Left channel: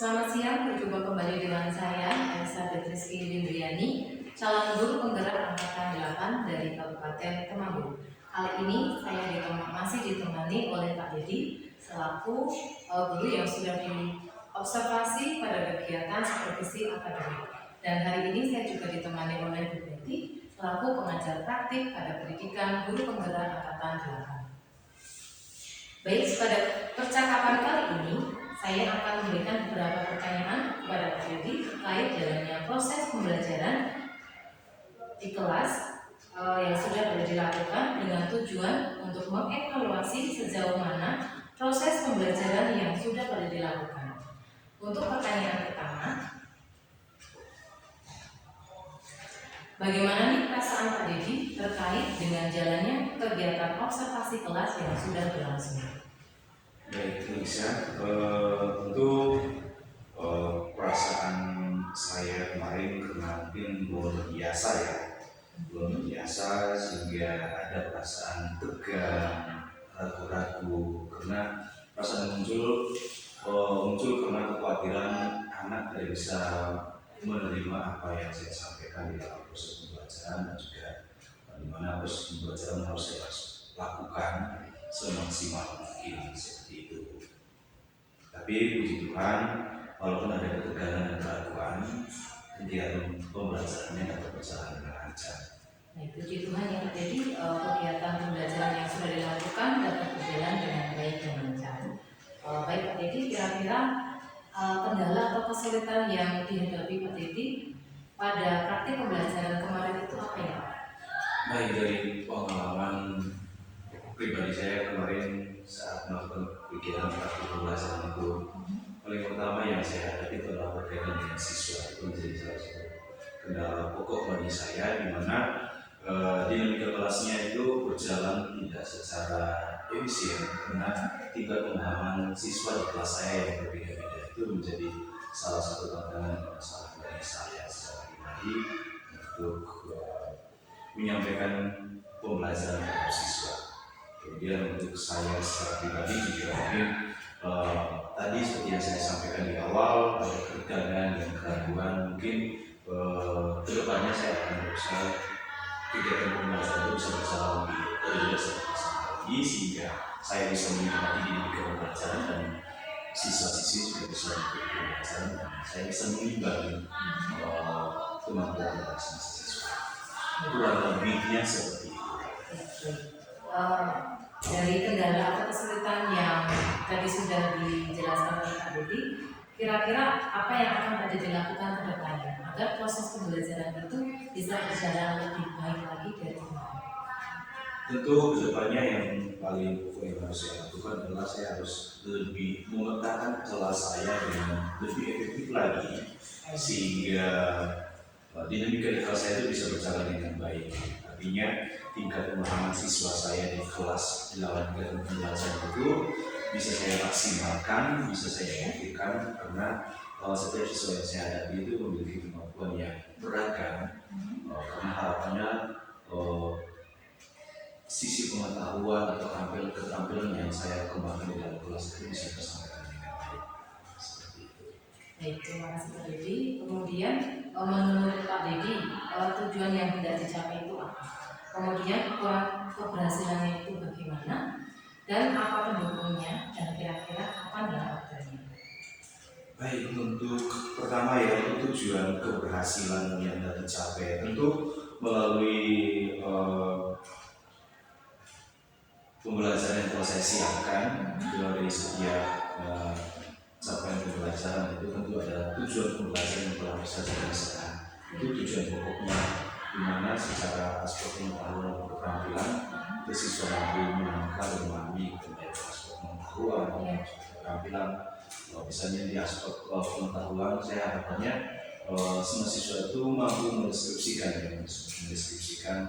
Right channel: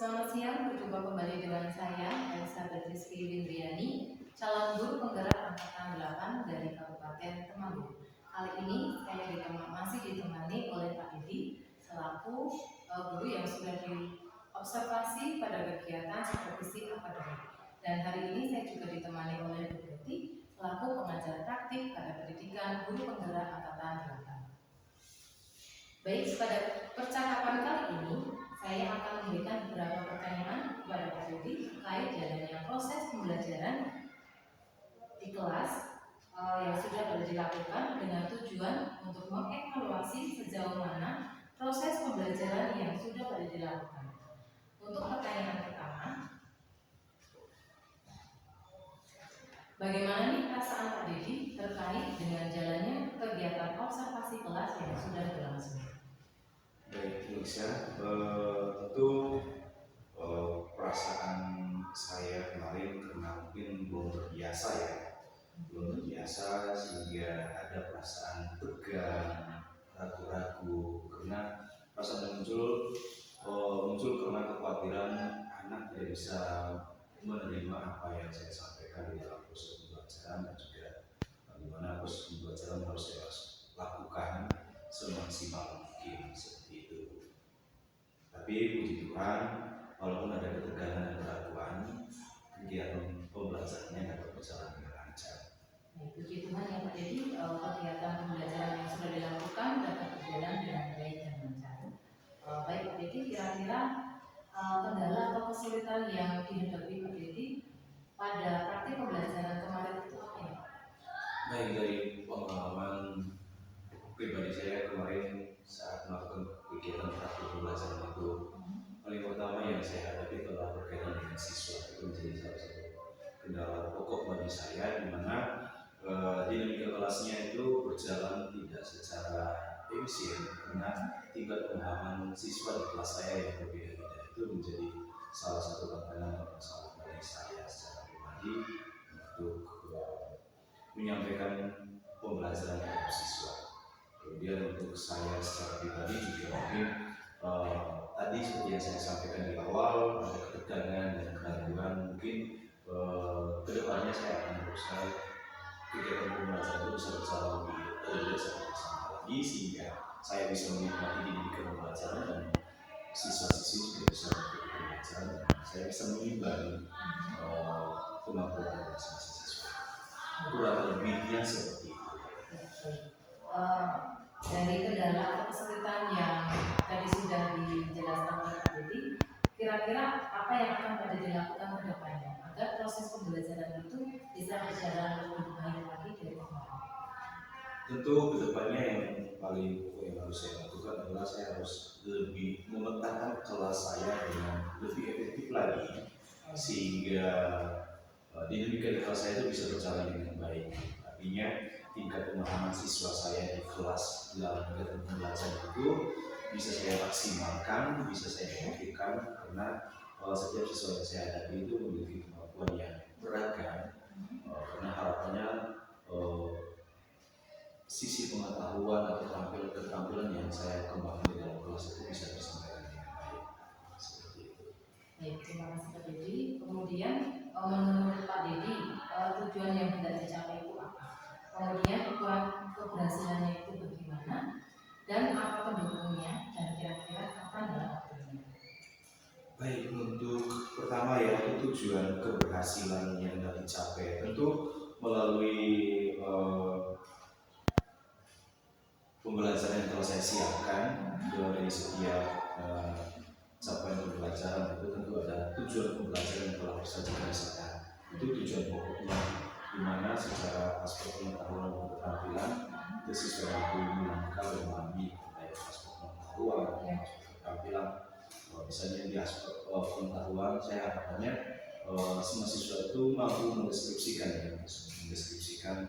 Selamat siang, berjumpa kembali dengan saya, Elizabeth Rizky Lindriani, calon guru penggerak angkatan 8 dari Kabupaten Temanggung. Kali ini saya masih ditemani oleh Pak Dedi selaku guru yang sudah diobservasi pada kegiatan supervisi akademik. Dan hari ini saya juga ditemani oleh Bu Betty selaku pengajar praktik pada pendidikan guru penggerak angkatan 8. Baik, pada percakapan kali ini saya akan memberikan beberapa pertanyaan kepada Pak Dedi terkait jalannya proses pembelajaran di kelas yang sudah dilakukan dengan tujuan untuk mengevaluasi sejauh mana proses pembelajaran yang sudah dilakukan. Untuk pertanyaan pertama, bagaimana nih perasaan Pak Dedi terkait dengan jalannya kegiatan observasi kelas yang sudah berlangsung? Baik, Lisa, untuk perasaan saya kemarin karena mungkin belum biasa sehingga ada perasaan tegang, ragu-ragu karena perasaan muncul karena kekhawatiran anak tidak bisa menerima apa yang saya sampaikan di dalam proses pembelajaran dan juga di mana proses pembelajaran harus saya lakukan semaksimal mungkin seperti itu. Tapi puji Tuhan, walaupun ada ketegangan dan keraguan, kegiatan pembelajarannya dapat berjalan dengan lancar. Baik, puji Tuhan ya Pak Dedi, kegiatan pembelajaran yang sudah dilakukan dapat berjalan dengan baik dan lancar. Baik Pak Dedi, kira-kira kendala atau kesulitan yang dihadapi Pak Dedi pada praktik pembelajaran kemarin itu apa ya Pak? Baik, dari pengalaman pribadi saya kemarin saat melakukan kegiatan praktik pembelajaran itu, paling pertama yang saya hadapi adalah berkaitan dengan siswa. Itu menjadi salah satu kendala pokok bagi saya, di mana dinamika kelasnya itu berjalan tidak secara efisien karena tingkat pemahaman siswa di kelas saya yang berbeda-beda. Itu menjadi salah satu tantangan dan masalah bagi saya secara pribadi untuk menyampaikan pembelajaran terhadap siswa. Kemudian untuk saya secara pribadi juga mungkin tadi seperti yang saya sampaikan di awal, ada ketegangan dan keraguan. Mungkin kedepannya saya akan berusaha kegiatan pembelajaran itu bisa berjalan lebih lagi sehingga saya bisa menikmati dinamika pembelajaran dan siswa-siswi juga bisa mengikuti pembelajaran dan saya bisa mengimbangi kemampuan pembelajaran siswa. Kurang lebihnya seperti itu. Dari kendala atau kesulitan yang tadi sudah dijelaskan oleh Pak Dedi, kira-kira apa yang akan Pak Dedi lakukan ke depannya agar proses pembelajaran itu bisa berjalan lebih baik lagi dari kemarin? Tentu kedepannya yang paling pokok yang harus saya lakukan adalah saya harus lebih memetakan kelas saya dengan lebih efektif lagi sehingga dinamika di kelas saya itu bisa berjalan dengan baik. Artinya tingkat pemahaman siswa saya di kelas dalam kegiatan pembelajaran itu bisa saya maksimalkan, bisa saya efektifkan karena setiap siswa yang saya hadapi itu memiliki kemampuan yang beragam. Karena harapannya sisi pengetahuan atau keterampilan yang saya kembangkan di dalam kelas itu bisa tersampaikan dengan baik. Seperti itu. Baik, terima kasih Pak Dedi. Kemudian menurut Pak Dedi, tujuan yang hendak dicapai itu apa? Kemudian keberhasilannya itu bagaimana? Dan apa pendukungnya? Dan kira-kira kapan ya waktunya? Baik, untuk pertama yaitu tujuan keberhasilan yang hendak dicapai tentu melalui pembelajaran yang telah saya siapkan dari setiap capaian pembelajaran itu tentu ada tujuan pembelajaran yang telah saya jelaskan. Itu tujuan pokoknya, di mana secara aspek pengetahuan dan keterampilan siswa mampu menangkal dan memahami baik aspek pengetahuan dan aspek keterampilan. Misalnya di aspek pengetahuan, saya harapannya semua siswa itu mampu mendeskripsikan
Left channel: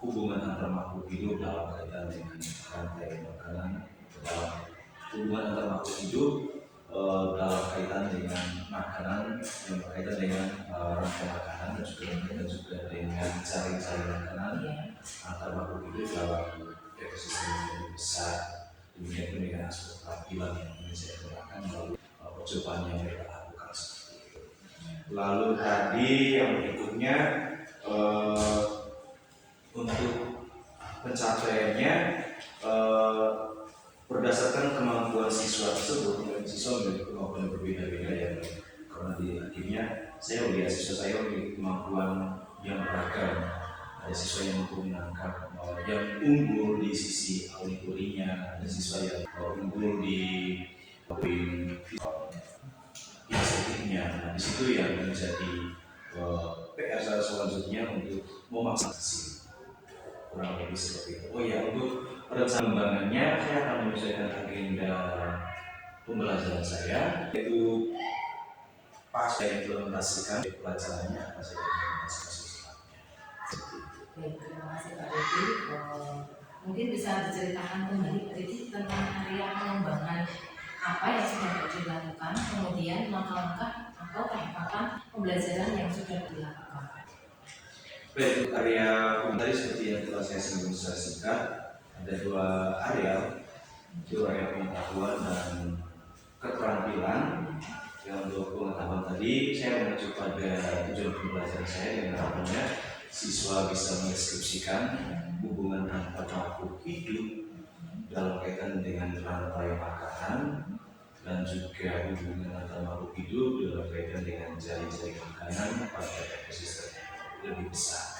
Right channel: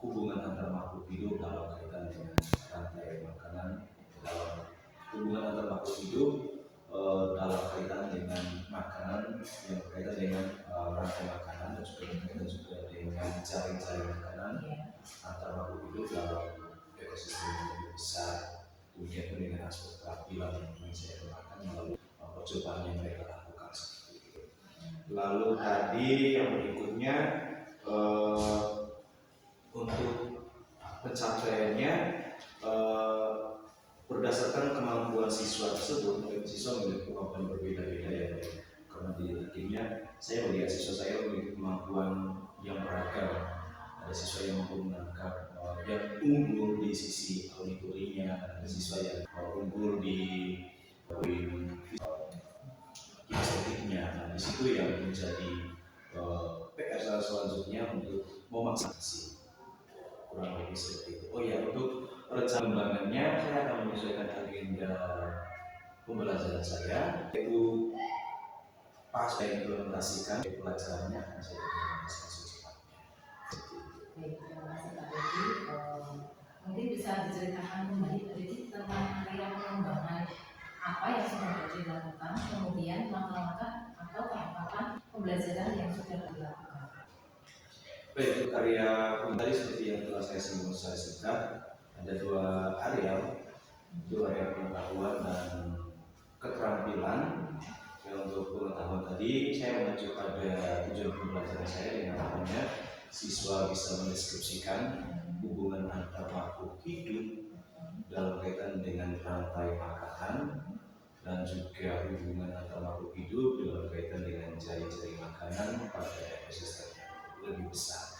hubungan antar makhluk hidup dalam kaitan dengan rantai makanan, dalam hubungan antar makhluk hidup dalam kaitan dengan makanan yang berkaitan dengan rantai makanan dan juga berkaitan juga dengan jaring-jaring makanan antar makhluk hidup dalam ekosistem yang lebih besar. Demikian pun dengan aspek keterampilan yang ingin saya kembangkan melalui percobaan yang mereka lakukan seperti itu. Lalu tadi yang berikutnya untuk pencapaiannya berdasarkan kemampuan siswa tersebut, dan siswa memiliki kemampuan yang berbeda-beda ya, karena di akhirnya saya melihat siswa saya memiliki kemampuan yang beragam. Ada siswa yang mampu menangkap, yang unggul di sisi auditorinya, ada siswa yang unggul di estetiknya. Nah, di situ yang menjadi PR saya selanjutnya untuk memaksasi kurang lebih seperti itu. Oh ya, untuk rencana pengembangannya saya akan menyesuaikan agenda pembelajaran saya, yaitu pas saya implementasikan pelajarannya akan saya implementasikan secepatnya. Baik, terima kasih Pak Dedi. Mungkin bisa diceritakan kembali Pak Dedi tentang area pengembangan apa yang sudah dilakukan, kemudian langkah-langkah atau tahapan pembelajaran yang sudah dilakukan. Baik, untuk area tadi seperti yang telah saya singgung secara singkat, ada dua area, yaitu area pengetahuan dan keterampilan. Ya, untuk pengetahuan tadi saya mengacu pada tujuan pembelajaran saya dengan harapannya siswa bisa mendeskripsikan hubungan antar makhluk hidup dalam kaitan dengan rantai makanan dan juga hubungan antar makhluk hidup dalam kaitan dengan jaring-jaring makanan pada ekosistem yang lebih besar.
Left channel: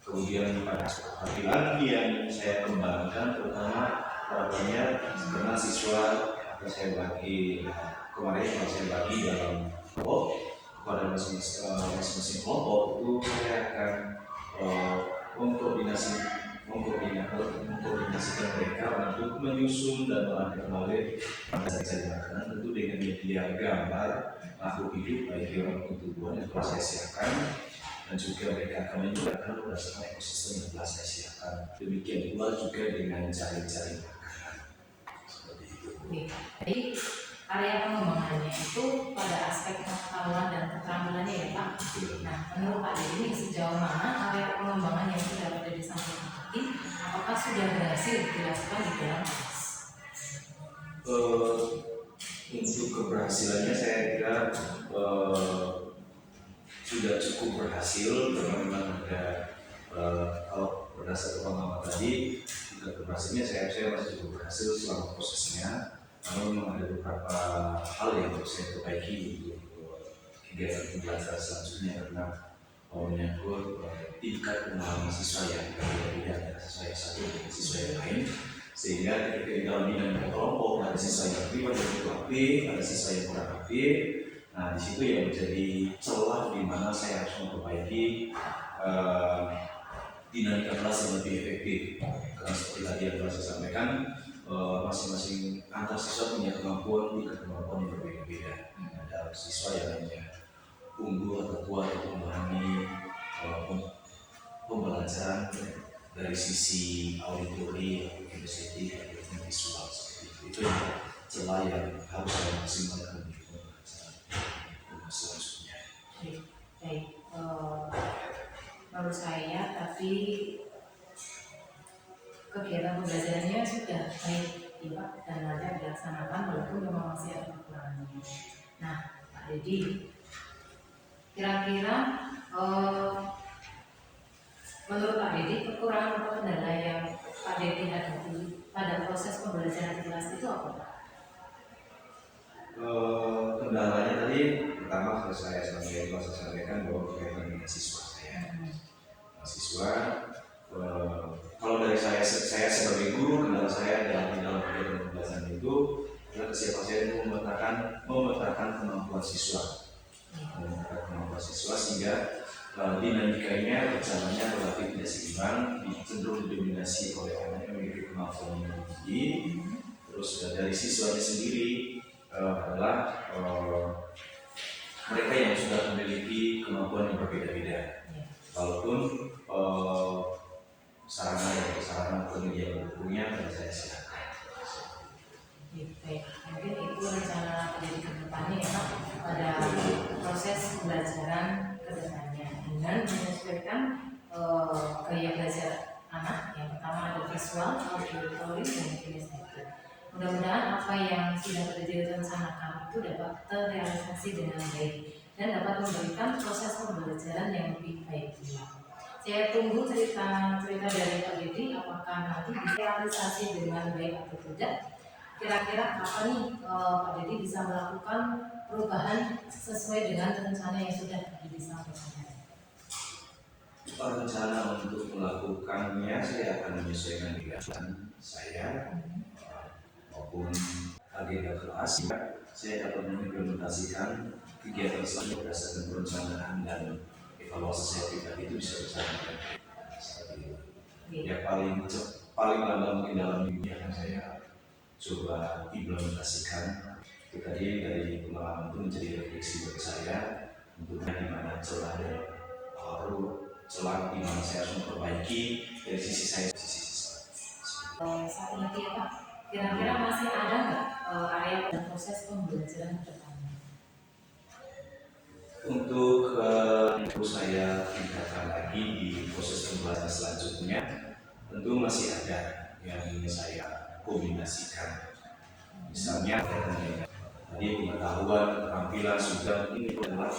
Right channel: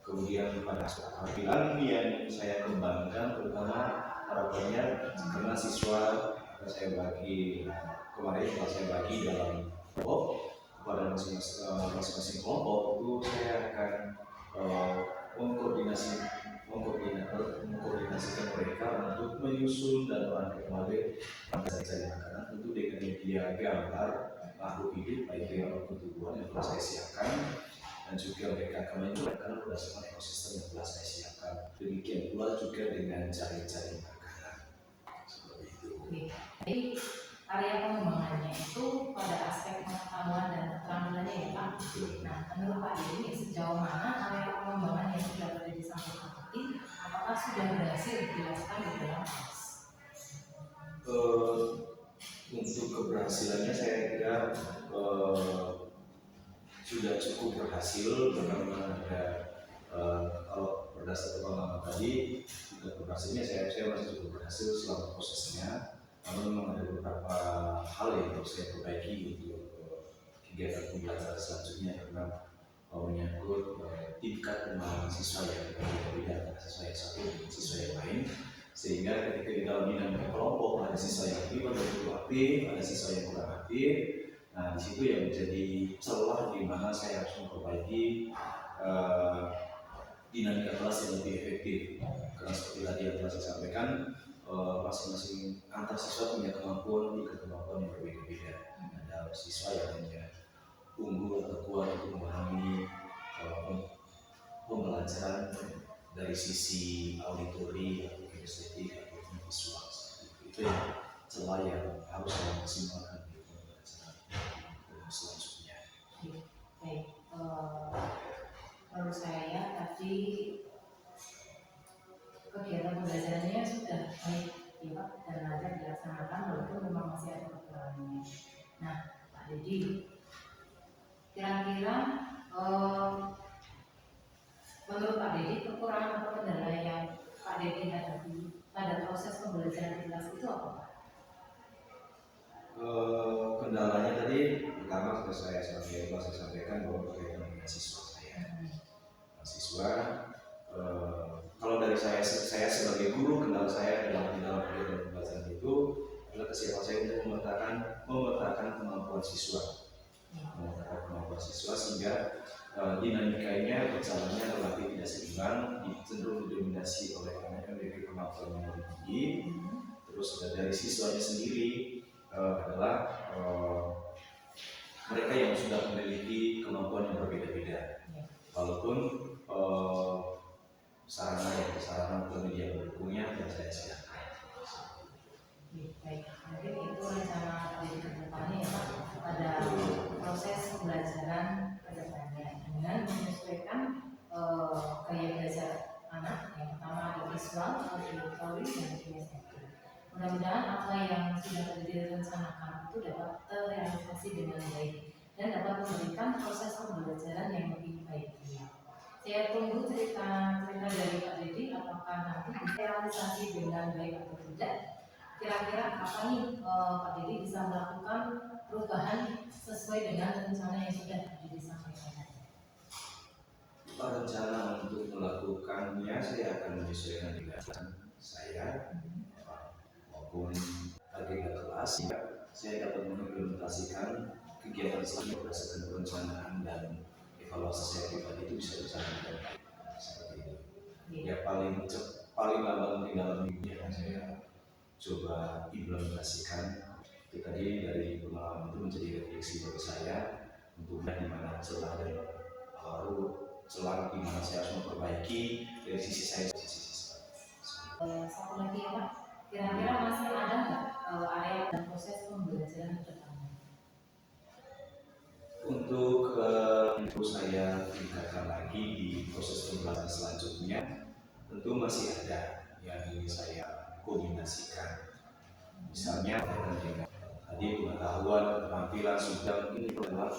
Kemudian pada keterampilan yang saya kembangkan pertama harapannya karena siswa akan saya bagi kemarin saya bagi dalam kelompok kepada masing-masing kelompok itu saya akan mengkoordinasikan mereka untuk menyusun dan merangkai kembali cari makanan tentu dengan media gambar makhluk hidup baik hewan maupun tumbuhan yang telah saya siapkan, dan juga mereka akan menunjukkan berdasarkan ekosistem yang telah saya siapkan. Demikian pula juga dengan jaring-jaring makanan seperti itu. Jadi area pengembangannya itu pada aspek pengetahuan dan keterampilannya ya Pak. Nah, menurut Pak Dedi sejauh mana area pengembangan yang sudah ada disampaikan tadi, apakah sudah berhasil dilakukan di dalam kelas? Untuk keberhasilannya saya kira sudah cukup berhasil, karena memang ada kalau berdasarkan pengalaman tadi juga keberhasilannya saya masih cukup berhasil selama prosesnya. Namun memang ada beberapa hal yang harus saya perbaiki untuk kegiatan pembelajaran selanjutnya, karena menyangkut tingkat pengalaman siswa yang berbeda antara siswa yang satu dengan siswa yang lain, sehingga ketika di dalam dinamika kelompok ada siswa yang aktif, ada yang cukup aktif, ada siswa yang kurang aktif. Nah, di situ yang menjadi celah di mana saya harus memperbaiki dinamika kelas yang lebih efektif. Karena seperti tadi yang telah saya sampaikan, masing-masing antar siswa punya kemampuan yang berbeda-beda. Ada siswa yang hanya unggul atau kuat untuk memahami pembelajaran dari sisi auditori atau kinestetik atau visual seperti itu. Itu yang celah yang harus saya maksimalkan di pembelajaran selanjutnya. Baik, menurut saya tadi kegiatan pembelajarannya sudah baik ya Pak, dan lancar dilaksanakan walaupun memang masih ada kekurangannya. Nah, Pak Dedi, kira-kira menurut Pak Dedi kekurangan atau kendala yang Pak Dedi hadapi pada proses pembelajaran di kelas itu apa Pak? Kendalanya tadi pertama saya sampaikan bahwa berkaitan dengan siswa saya. Siswa kalau dari saya sebagai guru, kendala saya dalam kegiatan pembelajaran itu adalah kesiapan saya untuk memetakan kemampuan siswa, sehingga dinamikanya berjalannya relatif tidak seimbang, cenderung didominasi oleh anak yang memiliki kemampuan yang lebih tinggi. Terus dari siswanya sendiri adalah mereka yang sudah memiliki kemampuan yang berbeda-beda, walaupun sarana dan prasarana atau media pendukungnya telah saya siapkan. Baik, mungkin itu rencana pendidikan depannya ya Pak, pada proses pembelajaran kedepannya dengan menyesuaikan gaya belajar anak. Yang pertama ada visual, auditory, dan kinestetik. Mudah-mudahan apa yang sudah direncanakan itu itu dapat terrealisasi dengan baik dan dapat memberikan proses pembelajaran yang lebih baik. Saya tunggu cerita dari Pak Dedi, apakah nanti bisa realisasi dengan baik atau tidak. Kira-kira apa nih Pak Dedi bisa melakukan perubahan sesuai dengan rencana yang sudah disampaikan? Rencana untuk melakukannya saya akan menyesuaikan kegiatan saya maupun agenda kelas. Saya dapat mengimplementasikan kegiatan selanjutnya berdasarkan perencanaan dan evaluasi saya pribadi itu bisa berjalan dengan baik. Seperti itu. Ya paling lama mungkin dalam minggu akan saya coba implementasikan. Itu tadi dari pengalaman itu menjadi refleksi bagi saya untuk di mana celah dan celah di mana saya harus memperbaiki dari sisi saya ke sisi siswa. Satu lagi ya Pak, kira-kira masih ada nggak area dan proses pembelajaran ke depannya? Untuk saya tingkatkan lagi di proses pembelajaran selanjutnya, tentu masih ada yang ingin saya kombinasikan. Misalnya tadi pengetahuan, keterampilan sudah ini adalah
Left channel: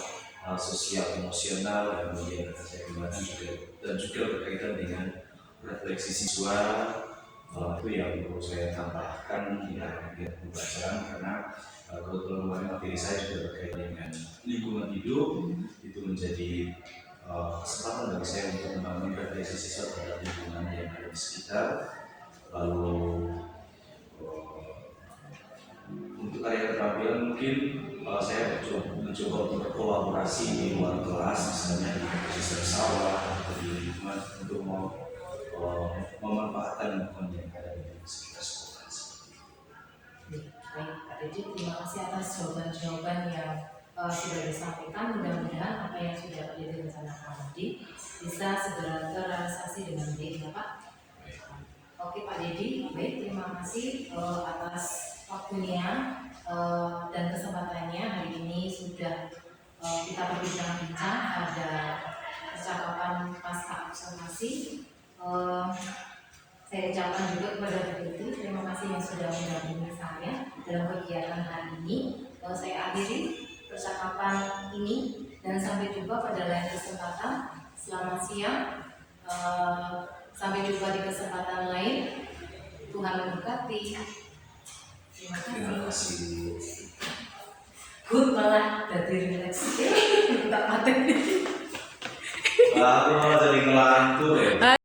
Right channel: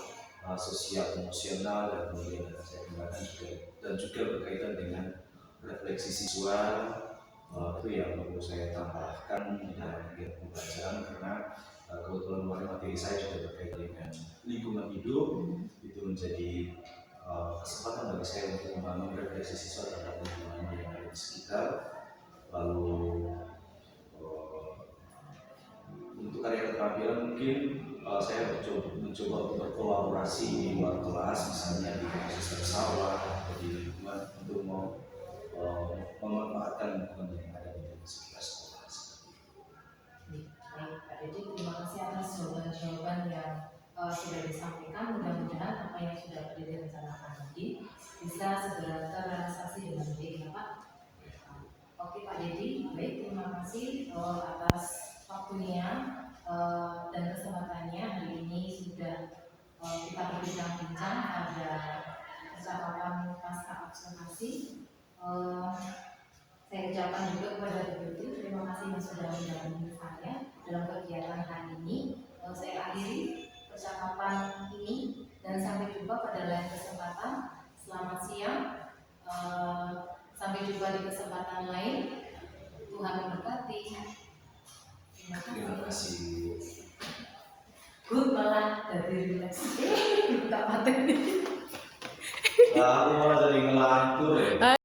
sosial emosional dan kemudian saya kembangkan juga berkaitan dengan refleksi siswa. Itu yang perlu saya tambahkan di dalam kegiatan pembelajaran karena kebetulan kemarin materi saya juga berkaitan dengan lingkungan hidup. Itu menjadi kesempatan bagi saya untuk membangun refleksi siswa terhadap lingkungan yang ada di sekitar. Lalu untuk area keterampilan mungkin saya mencoba untuk berkolaborasi di luar kelas, misalnya di ekosistem sawah atau di lingkungan untuk memanfaatkan lingkungan yang ada di sekitar sekolah. Baik, Pak Dedi, terima kasih atas jawaban-jawaban yang sudah disampaikan. Mudah-mudahan apa yang sudah direncanakan tadi bisa segera terrealisasi dengan baik ya Pak. Oke Pak Dedi, baik, terima kasih atas waktunya dan kesempatannya. Hari ini sudah kita berbincang-bincang pada percakapan pasca observasi. Saya ucapkan juga kepada Bu Dedi, terima kasih yang sudah mendampingi saya dalam kegiatan hari ini. Saya akhiri percakapan ini dan sampai jumpa pada lain kesempatan. Selamat siang. Sampai jumpa di kesempatan lain. Tuhan memberkati. Terima kasih. Good malah dari relax. Tak mati. Aku malah jadi ngelantur ya.